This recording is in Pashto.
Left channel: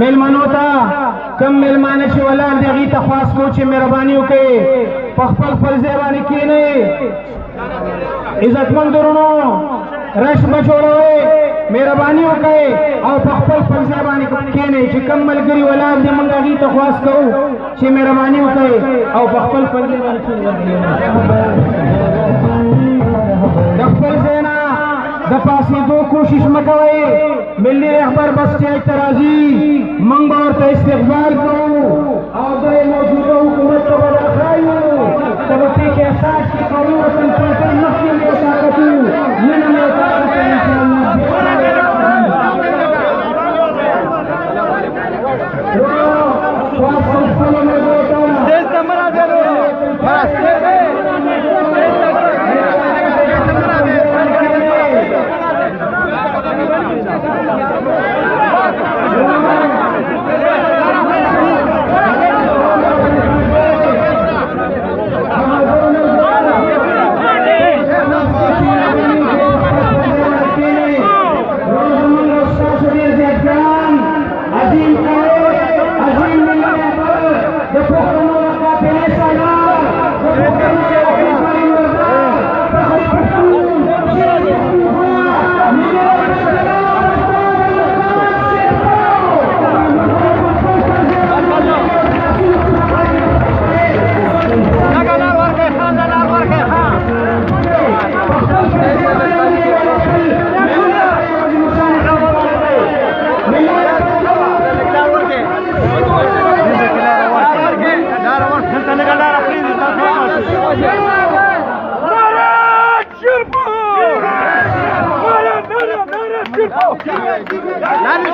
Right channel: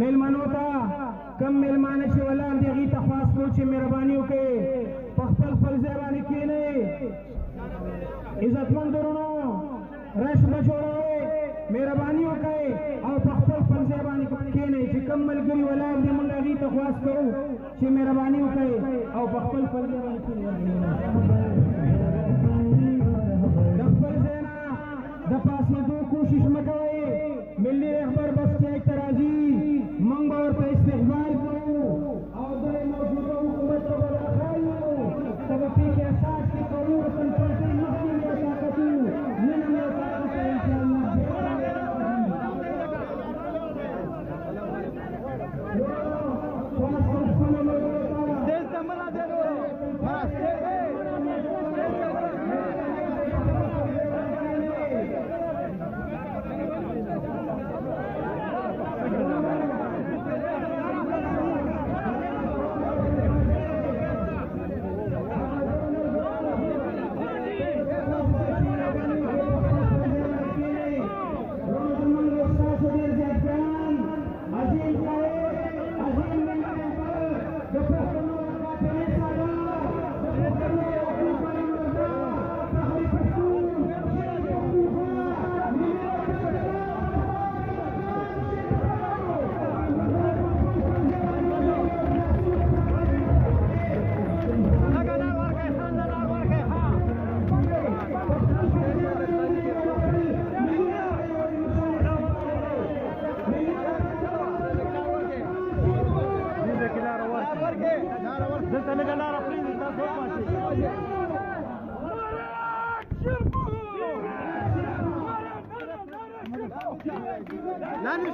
मेलمانو ته کم میلمانه چې ولاړ دي هغې ته خواست کوو چې مهرباني وکړئ په خپل ځای باندې کښېنئ عزتمند ورونو رش مه جوړوئ مهرباني وکړئ او په خپل ځای باندې کښېنئ چې کم ملګري ولاړ دي موږ هغې ته خواست کوو چې مهرباني وکړئ او په خپل ځای باندې کښېنئ د خپل ځای نه د پاسېدو کوشش مه کوئ ملي رهبر بس چې اعتراضي موږ به ورته استقبال کوو او د موجوده حکومت ته به دا ښایو ته به پرې کې احساس کې قومي وطن پرېږدئ مخکې مې ورته کتو نن مې ورته کتو Nani